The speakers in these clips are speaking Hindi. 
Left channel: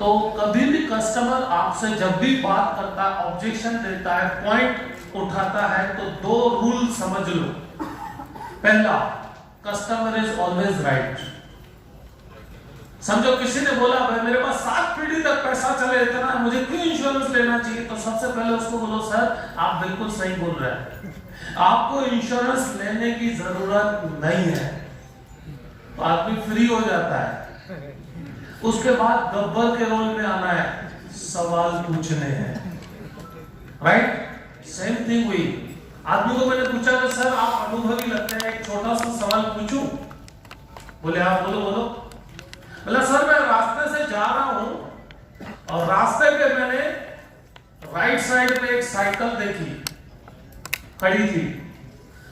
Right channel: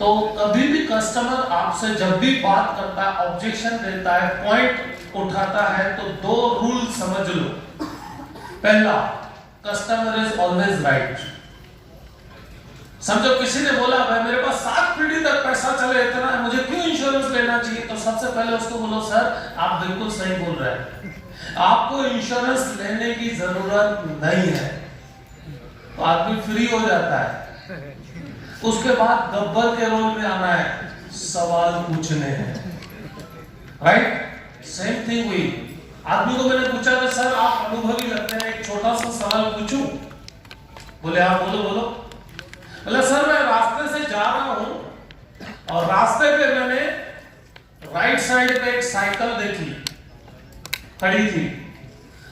तो कभी भी कस्टमर आपसे जब भी बात करता है, ऑब्जेक्शन देता है, पॉइंट उठाता है, तो दो रूल समझ लो। पहला, कस्टमर इज ऑलवेज राइट। समझो किसी ने बोला भाई मेरे पास 7 पीढ़ी तक पैसा चले इतना है, मुझे क्यों इंश्योरेंस लेना चाहिए, तो सबसे पहले उसको बोलो सर आप बिल्कुल सही बोल रहे हैं, आपको इंश्योरेंस लेने की जरूरत नहीं है। तो आदमी फ्री हो जाता है। उसके बाद गब्बर के रोल में आना है, सवाल पूछने हैं, राइट। सेम थिंग हुई, आदमी को मैंने पूछा था सर आप अनुभवी लगते हैं, एक छोटा सा सवाल पूछूं? बोले आप बोलो बोलो। बोला सर मैं रास्ते से जा रहा हूं और रास्ते पे मैंने राइट साइड पे एक साइकिल देखी खड़ी थी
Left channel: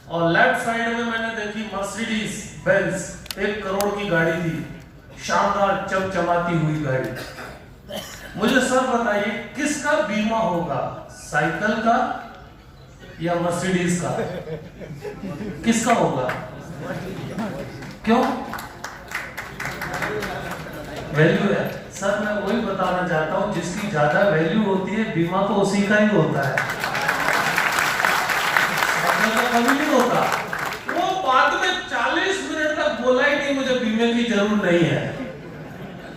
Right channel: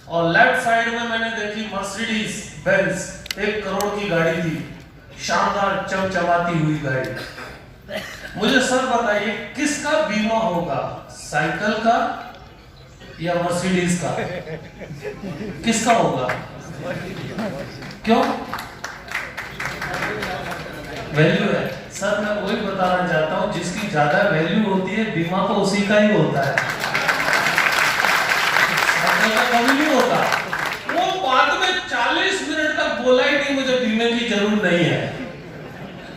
और लेफ्ट साइड में मैंने देखी मर्सिडीज बेंज 1 करोड़ की गाड़ी थी, शानदार चमचमाती हुई गाड़ी। मुझे सर बताइए किसका बीमा होगा, साइकिल का या मर्सिडीज का? किसका होगा? क्यों? वैल्यू है। सर मैं वही बताना चाहता हूं, जिसकी ज्यादा वैल्यू होती है बीमा तो उसी का ही होता है, कभी नहीं होता। वो बाद में 40 मिनट तक बोला ही नहीं मुझे बीमे की जरूरत नहीं है।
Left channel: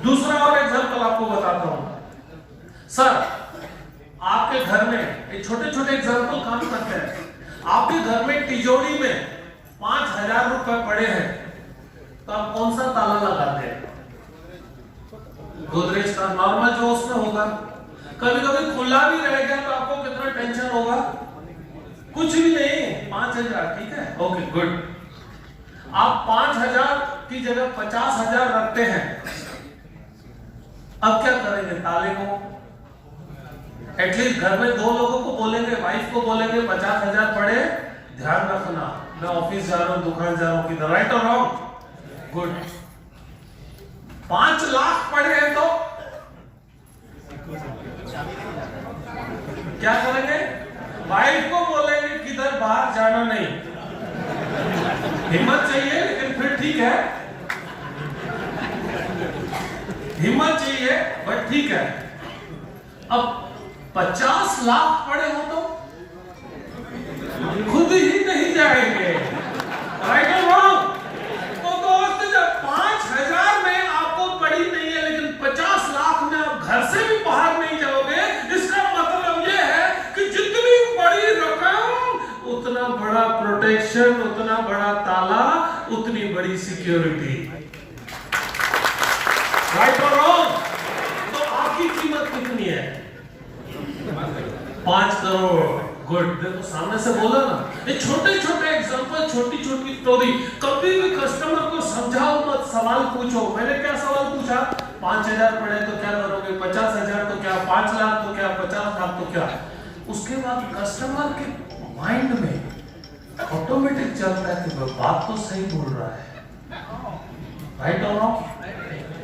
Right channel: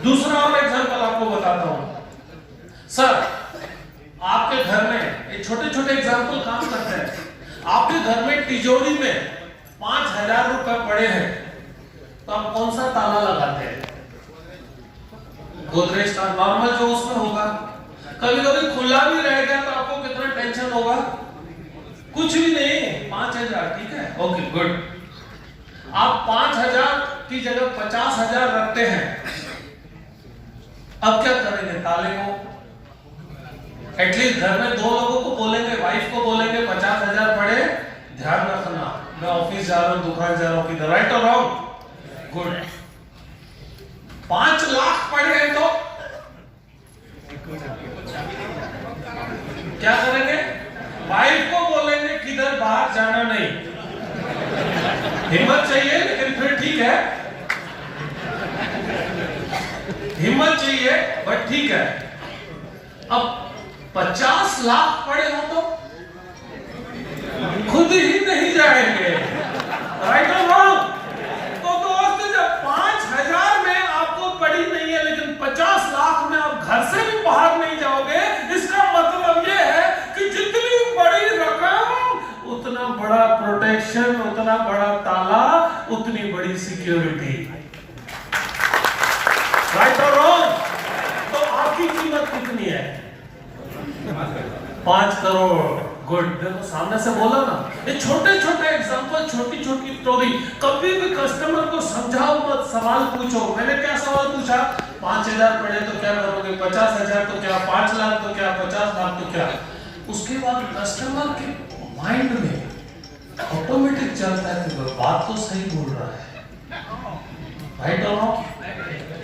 दूसरा और एग्जांपल आपको बताता हूं। सर आपके घर में, एक छोटे छोटे एग्जांपल काम करते हैं, आपके घर में तिजोरी में 5000 रुपए पड़े हैं, तो आप कौन सा ताला लगाते हैं? गोदरेज का नॉर्मल जो उसमें होगा। कभी कभी खुला भी रह गया तो आपको कितना टेंशन होगा? कुछ भी नहीं, 5000, ठीक है, ओके गुड। आप 5000 की जगह 50,000 रखते हैं, अब क्या करेंगे ताले को? एटलीस्ट घर में 2 लोगों को बोलेंगे, वाइफ को बोलेंगे 50,000 पड़े, ध्यान रखना मैं ऑफिस जा रहा हूं, दुकान जा रहा हूं, किधर, राइट और रॉन्ग? गुड। 5 लाख पड़ गए तो क्या करेंगे? वाइफ को बोलेंगे किधर बाहर जाना नहीं। हिम्मत चाहिए, लेकिन फिर ठीक है, हिम्मत चाहिए बट ठीक है। अब 50 लाख पड़े हो तो खुद ही नहीं जाएंगे, राइट और रॉन्ग? तो दोस्त जब 5000 में आपको पड़ी नहीं है लेकिन 50 लाख में आप घर से भी बाहर नहीं जाओगे, इसका मतलब यह है कि जितनी बड़ी रकम उतना बड़ा प्रोटेक्शन, उतना बड़ा ताला, उतनी बड़ी सिक्योरिटी, राइट और रॉन्ग? तो आपकी कीमत कितनी है? 5 करोड़। गुड। देखो सामने से बोलो ना, ये छोटे छोटे एग्जांपल, छोटी छोटी स्टोरी। कभी भी कस्टमर को समझाओ मत, सवाल पूछो। मैंने क्या सवाल पूछा? 5000 पड़े तो क्या करोगे? 50,000 तो क्या? 5 लाख तो क्या? 50 लाख तो क्या? उसके बाद कस्टमर के माइंड में ऑटोमेटिक चलता है कि बात तो सही बोल रहा है, राइट और रॉन्ग?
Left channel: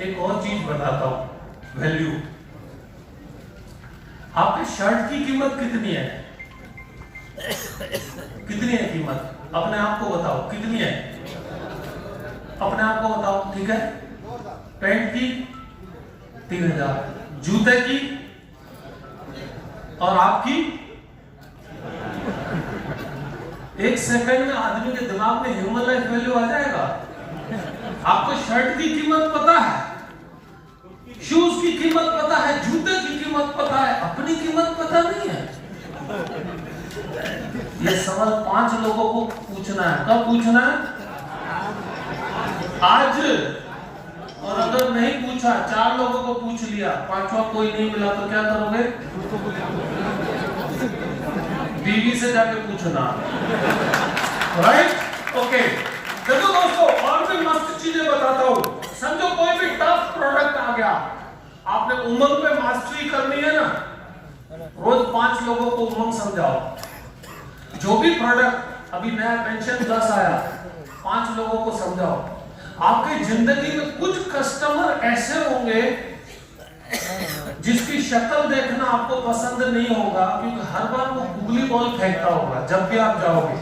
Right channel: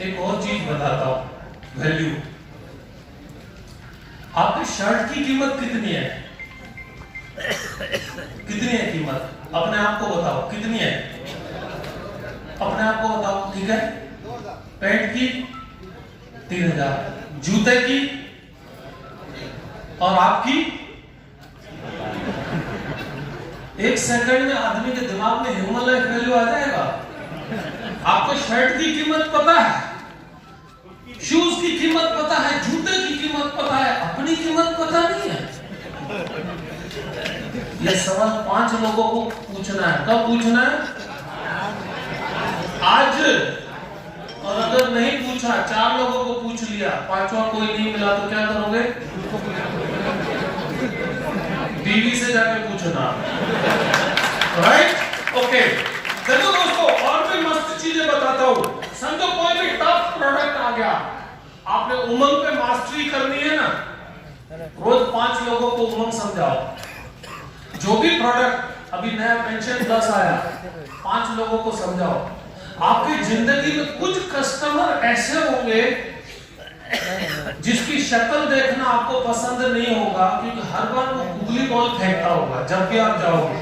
एक और चीज बताता हूं, वैल्यू। आपके शर्ट की कीमत कितनी है? कितनी है कीमत? अपने आप को बताओ कितनी है, अपने आप को बताओ, ठीक है? पैंट की 3000, जूते की, और आपकी? एक सेकंड में आदमी के दिमाग में ह्यूमन लाइफ वैल्यू आ जाएगा। आपको शर्ट की कीमत पता है, शूज की कीमत पता है, जूते की कीमत पता है, अपनी कीमत पता नहीं है। ये सवाल 5 लोगों को पूछना है। कब पूछना है? आज। और अगर नहीं पूछा, 4 लोगों को पूछ लिया, 5वां कोई नहीं मिला, तो क्या करोगे? बीवी से जाके पूछना, राइट? ओके। देखो दोस्तों, और भी मस्त चीजें बताता हूं। समझो कोई भी टफ प्रोडक्ट आ गया, आपने उमंग पे मास्टरी करनी है ना, रोज 5 लोगों को उमंग समझाओ। जो भी प्रोडक्ट, अभी नया पेंशन 10 आया, 5 लोगों को समझाओ। आपकी जिंदगी में कुछ कस्टमर ऐसे होंगे जिसकी शक्ल देखना आपको पसंद नहीं होगा, क्योंकि हर बार वो गुगली बॉल फेंकता होगा जब भी आप जाओगे।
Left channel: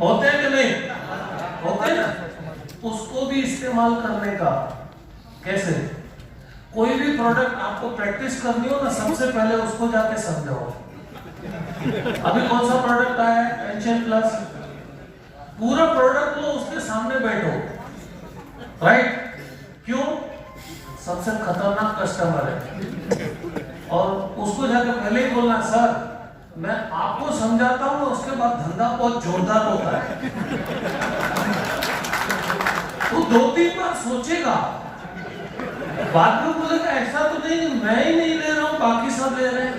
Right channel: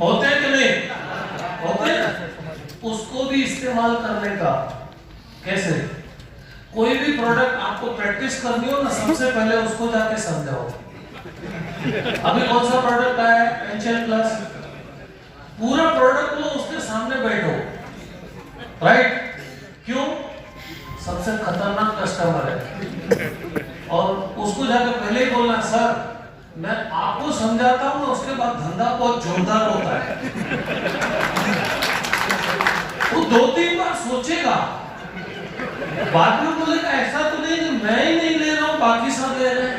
होते हैं कि नहीं? होते हैं। उसको भी इस्तेमाल करने का कैसे? कोई भी प्रोडक्ट आपको प्रैक्टिस करनी हो ना, सबसे पहले उसको जाके समझाओ। अभी कौन सा प्रोडक्ट आया है, एंशियल प्लस, पूरा प्रोडक्ट लो, उसके सामने बैठो, राइट? क्यों? सबसे खतरनाक कस्टमर है, और उसको जाके पहले ही बोलना, सर मैं आपको समझाता हूं, उसके बाद धंधा बहुत जोरदार होता है। वो 2-3 बार सोचेगा, बाद में बोलेगा ऐसा तो नहीं कि मैं ही नहीं ले रहा हूं, बाकी सब ले रहे हैं।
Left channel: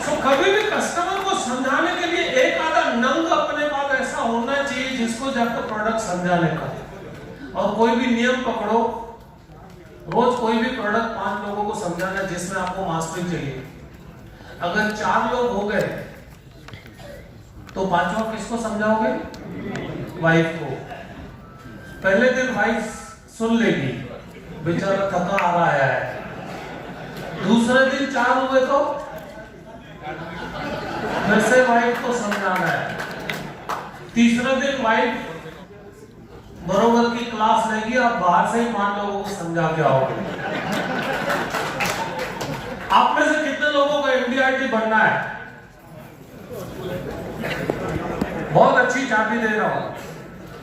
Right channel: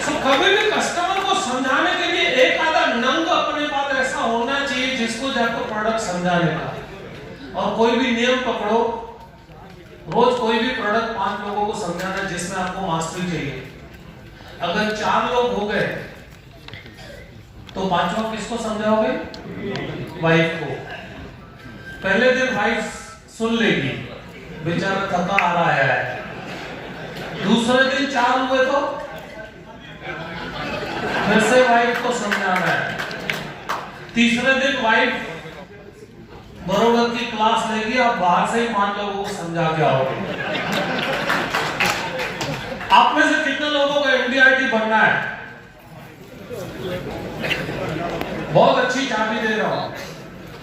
तो कभी भी कस्टमर को समझाने के लिए एक आधा नंग अपने पास ऐसा होना चाहिए जिसको जाकर प्रोडक्ट समझाने का। और कोई भी नियम पकड़ो, रोज कोई भी प्रोडक्ट 5 लोगों को समझाना जिसमें आपको मास्टरी चाहिए। अगर 4 लोग हो गए तो 5वां किसको समझाओगे? वाइफ को। पहले दिन वाइफ सुन लेगी, बेचारा थका आ रहा है। दूसरे दिन 4 हुए तो फिर से वाइफ को समझाना है। तीसरे दिन वाइफ बरोबर की क्लास लेगी, आप बाहर से ही 5 लोगों को समझा के आओगे। आप में से कितने लोगों को एमडीआरटी बनना है? बहुत अच्छी चाबी दे रहा हूं,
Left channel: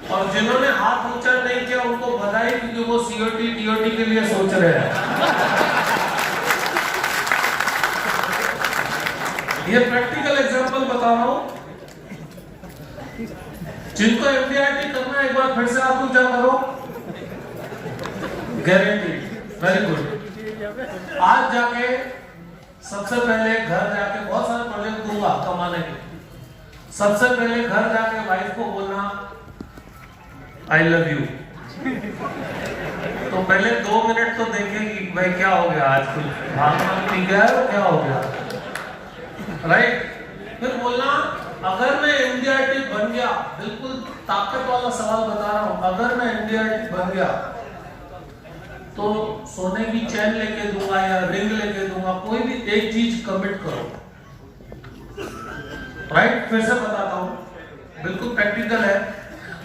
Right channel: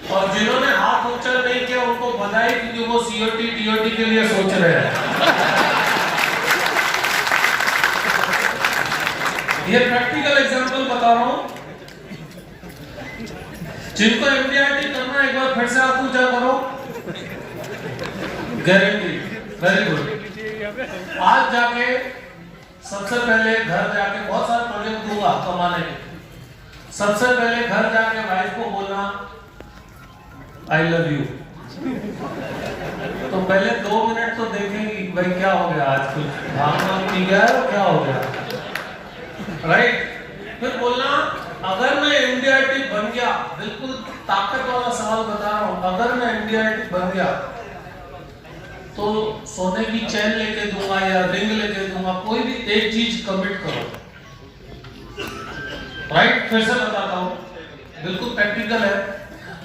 और जिन्होंने हाथ ऊंचा नहीं किया उनको बधाई, क्योंकि वो सीओटी टीओटी के लिए सोच रहे हैं। ये प्रैक्टिकल एग्जांपल बता रहा हूं। जिनको एमडीआरटी करना है, एक बार फिर से आप ऊंचा करो, गारंटी। Very good. आज जाके सबसे पहले घर जाके, बहुत सारे प्रोजेक्ट दूंगा कमाने के, सबसे पहले घर जाके वाइफ को बोलना आई लव यू। तो पहले 2 मिनट तो देखेगी, भाई क्या हो गया आज, कुछ भागना पी गया है, क्या हो गया, राइट? फिर बोलना, अगर मैं एमडीआरटी बन गया, बिल्कुल ताकत वाला सवाल बता रहा हूं, अगर मैं एमडीआरटी बन गया तो सोने की चैन लेके दूंगा या रिंग लेके दूंगा, कोई भी एक चीज कमिट करो, राइट? फिर से बताता हूं, बिल्कुल प्रैक्टिकल है।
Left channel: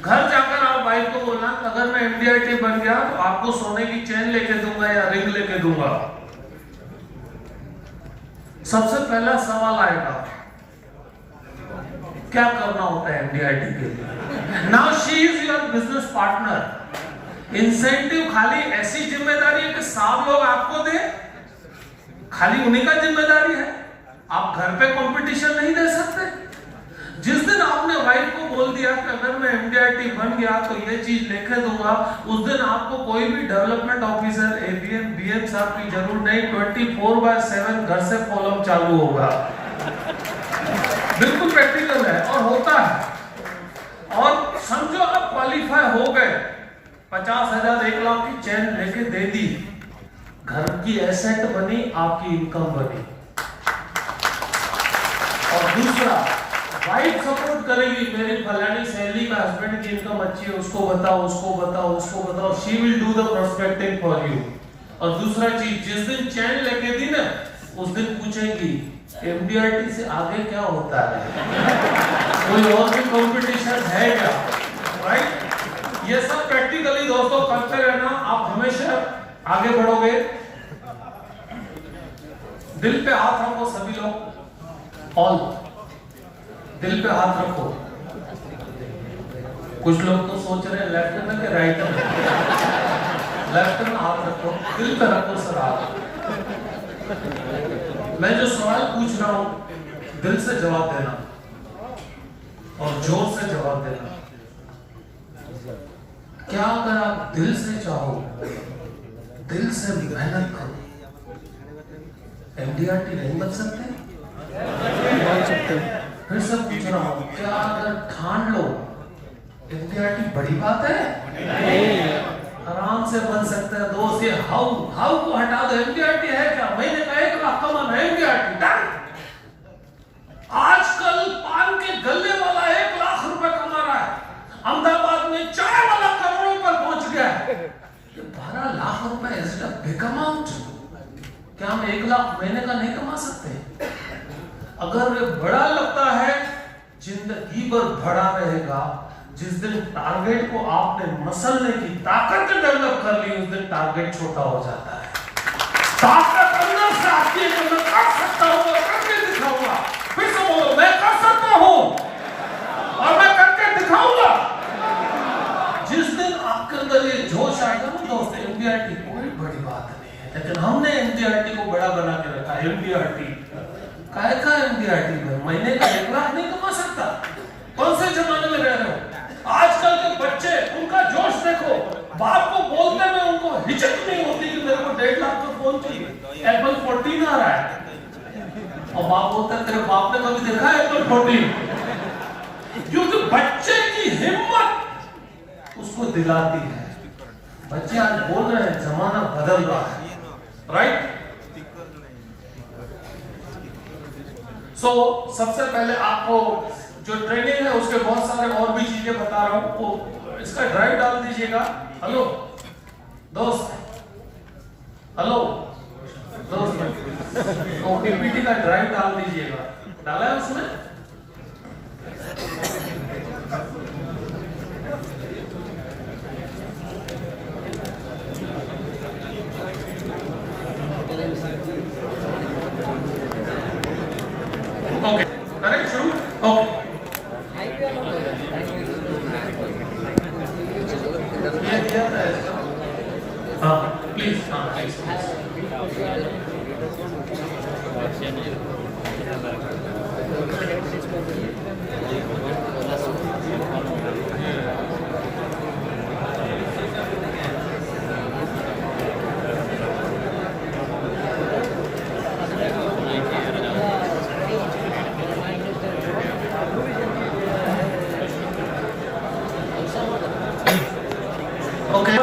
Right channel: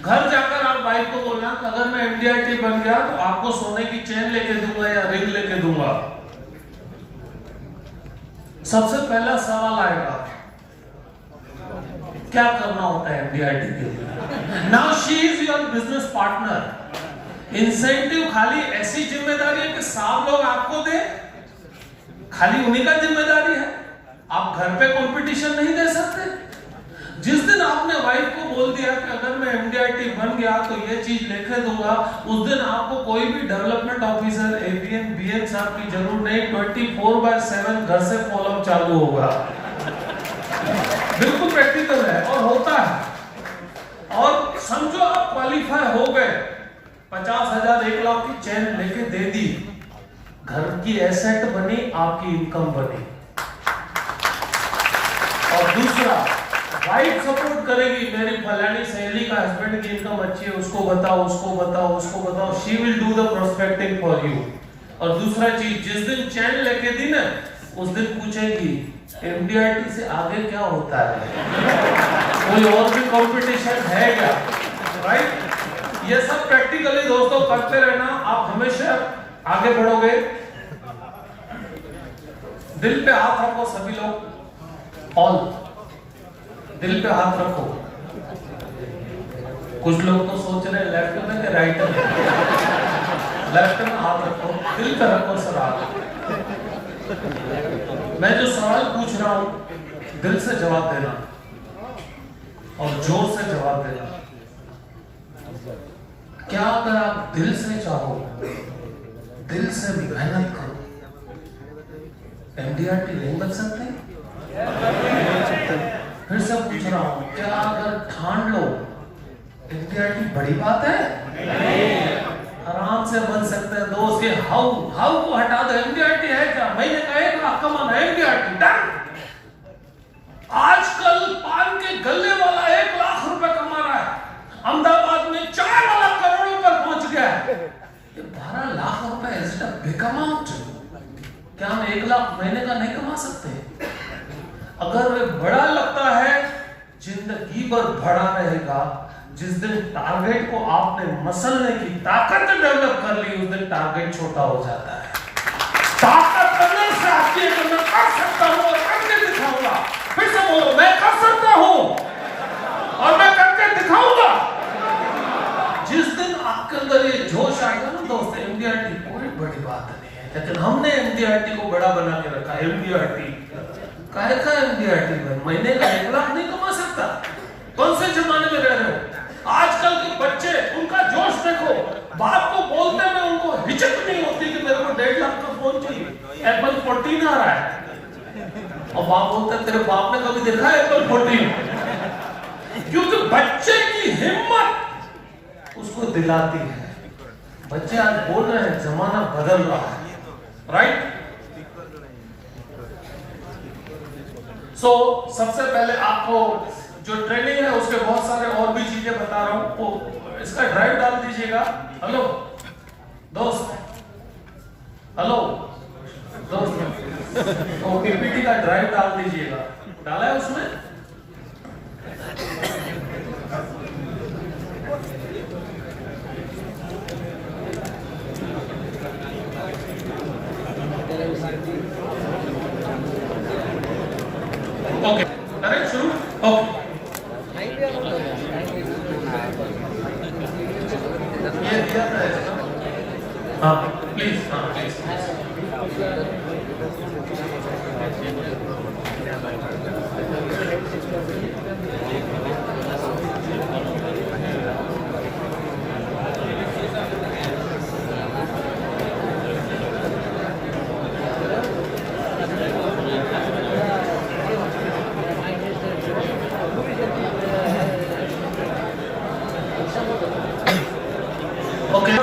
घर जाकर आप वाइफ को बोलना, अगर मैं एमडीआरटी बन गया तो आपको सोने की चैन लेके दूंगा या रिंग लेके दूंगा। सबसे पहला सवाल आएगा, क्या करना होता है एमडीआरटी के लिए? Now she is your business partner. Incentive खाली ऐसी जिम्मेदारी है कि 7 लोग आपको दे, खाली उन्हीं का जिम्मेदारी है, आप घर पे कंपटीशन नहीं दे सकते। जिस दिन आपने वाइफ को बोल दिया कि अगर मैं एमडीआरटी बन गया तो ये चीज लेके दूंगा, उस दिन आपको कोई भी डेवलपमेंट ऑफिसर, एबीएम, बीएम साहब की जरूरत नहीं, 24/7 घर से कॉलम चालू होगा। बिल्कुल प्रैक्टिकल है और होता है। और समझो आप क्वालिफाई हो गए, 50,000 1 लाख की चैन लेके दे दी, घर की एसेट बनी, आपकी इनकम बनी। और दूसरा, वाइफ सपोर्ट करेगी, मेरी फलानी सहेली का हस्बैंड की इनकम अच्छी है, उसको बताओ, उसको बताओ, उसको बताओ, she will do the prospecting for you. और दूसरा चीज, जिस दिन चैन लेके दी ना, उस दिन पूछेगी एमडीआरटी से आगे क्या होता है, कोई और भी कंपटीशन है क्या, राइट? ये सब प्रैक्टिकली दोस्तों करते रहना, आप हमेशा आगे बढ़ोगे। दिल पे हाथ रखो सभी लोग, ऑल दिल पे हाथ रखो। कुछ लोग तो सोच रहे हैं लेफ्ट में कि राइट में, लेफ्ट में हाथ रखो, दिल पे रखो सर हाथ। मैं जो सवाल पूछ रहा हूं दिल से जवाब देना और जोर से जवाब देना। क्या अगर आप दिल से चाहो, दिल से मेहनत करो, एमडीआरटी नहीं बन सकते? फिर से पूछ रहा हूं, क्या अगर ठान लो एमडीआरटी बड़ी बात है? आराम से बन सकते हैं। दोस्त के हाउ को हटा दो, एमडीआरटी है क्या? महीने का 1 लाख कमाना, एमडीआरटी डन। आजकल पान के गल्ले वाला 1 लाख रुपए कमा रहा है, अहमदाबाद में चाय वाला करोड़ों पर पहुंच गया है। 12 लाख रुपए is it a big amount? क्या हम 1 लाख महीने का नहीं कमा सकते? अगर वे बड़ा लगता है, जिंदगी भर बड़ा रहेगा। जिस दिन टारगेट को आपने मसलने की ताकत डेवलप कर ली, उस दिन टारगेट छोटा हो जाता है। लेकिन हमने एनसीईआरटी को बड़ा बना के रखा। एनसीईआरटी काहे का एनसीईआरटी में महीने का 1 लाख नहीं कमा सकता? कौन से जमाने में रह रहे हो? आजकल के बच्चे, उनका जोश देखो, बाप को बोलने में उनको हिचक नहीं होती कि मेरे को 1.5 लाख का फोन चाहिए, एप्पल 14 आ रहा है, और बाप बोलते हैं तेरे बाप ने कभी देखा है एप्पल 14? क्योंकि बच्चे की हिम्मत उसको दिलाती है। बच्चे आज बोल रहे हैं, जमाना बदल रहा है, राइट? सो सबसे पहले आपको जो ट्रेनिंग है उसके बहुत सारे और भी चीजें बता रहा हूं, तो इसका ड्राइव डाल दीजिएगा। हेलो दोस्त, हेलो दोस्त, तो पीपीटी का ड्राइव डाल दीजिएगा। डाला है उसमें? ओके, करेक्ट, शुरू। ओके, हाँ प्लीज, हाँ प्लीज।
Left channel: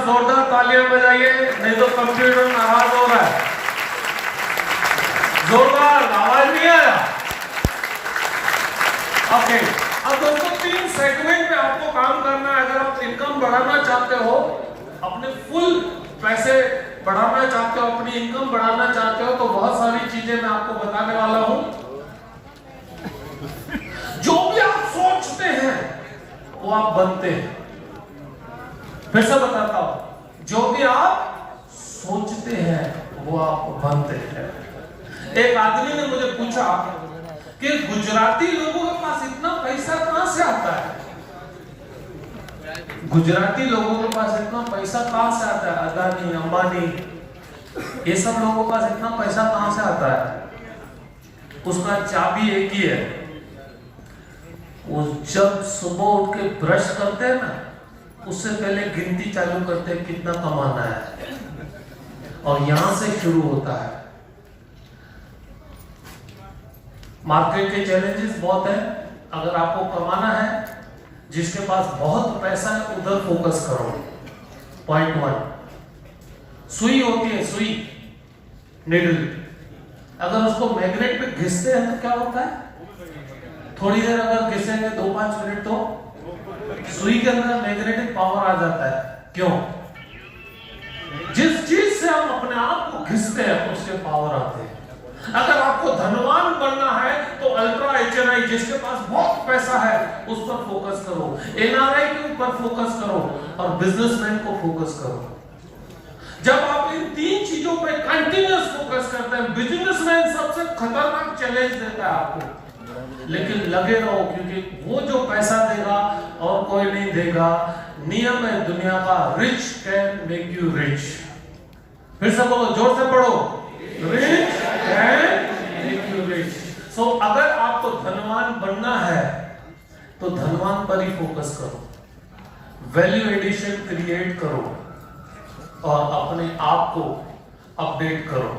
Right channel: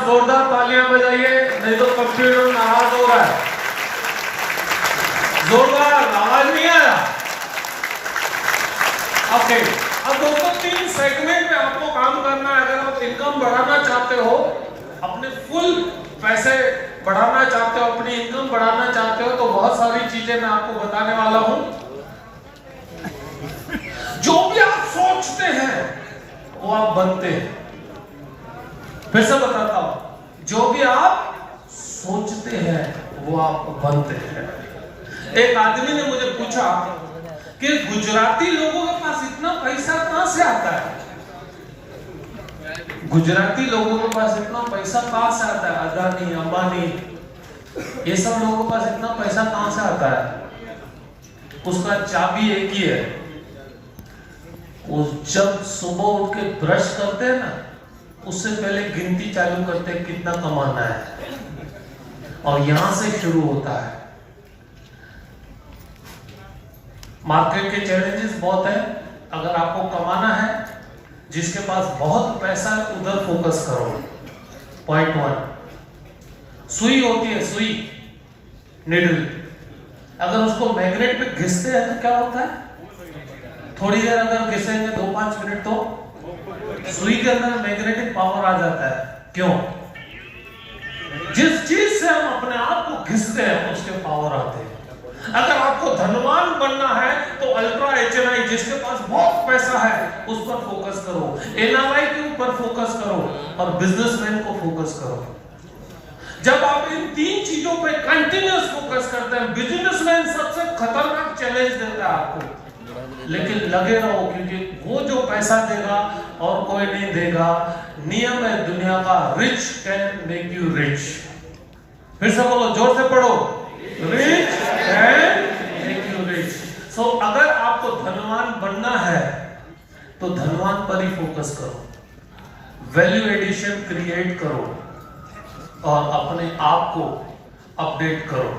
जोरदार तालियां बजाइए, नहीं तो कंप्यूटर नाराज हो रहा है। जोरदार, आवाज नहीं आया? ओके, अब दोस्तों 3 सेगमेंट में आपको काम करना है। अगर आप इनकम बढ़ाना चाहते हो, अपने फुल पैसे बढ़ाना चाहते हो, अपनी इनकम बढ़ाना चाहते हो, तो बहुत सारी चीजें मैं आपको बताने वाला हूं। जो भी आप सोचते हैं वो आप बनते हैं। फिर से बताता हूं, जो भी आप सोचते हैं वो आप बनते हैं। एक आदमी ने मुझे पूछा कि गुजराती लोगों के पास इतना पैसा कहां से आता है? गुजराती लोगों के पास इतना पैसा कहां से आता है? अदानी, अंबानी, ये सब लोगों के पास इतना पैसा कहां से आता है? उसका चाबी एक ही है, वो जब सुबह उठ के ब्रश करते हैं ना, उससे पहले गिनती चालू करते हैं कितना कमाना है, और यहां से शुरू होता है। मार्केट के चैलेंजेस बहुत है। अगर आपको कमाना है, जिसके पास बहुत पैसा है उधर फोकस करो। पॉइंट 1, सुई होती है, सुई, निडल, अगर उसको मैग्नेट पे घिसते हैं तो क्या होता है? थोड़ी देर अगर घिसेंगे 2-5 मिनट, तो सुई के अंदर मैग्नेटिक पावर आ जाता है। क्यों? जिस चीज से हम अपने आप को घिसते हैं उसके पावर आते हैं। अगर आपको धनवान बनना है तो अल्ट्रा एचएनआई, जिसके पास बहुत पैसा है, उस पर फोकस करो। एनआरआई के ऊपर फोकस करो, और बिजनेसमैन को फोकस करो। जब आप इन 3 चीजों पे कंटिन्यूअस फोकस करते हैं, बिजनेसमैन सबसे खतरनाक चैलेंज देता है आपको, लेकिन लगे रहो, क्योंकि वो जो पैसा देगा और कोई नहीं देगा। नियम है दुनिया का, rich can make you rich. फिर से बोलो, जोर से पढ़ो, rich can make you rich. So अगर आपको धनवान बनना है तो धनवान पर ही फोकस करो, वैल्यू एडिशन क्रिएट करो, और अपने आप को अपडेट करो,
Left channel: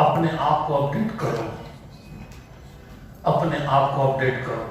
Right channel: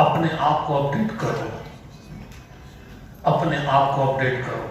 अपने आप को अपडेट करो, अपने आप को अपडेट करो।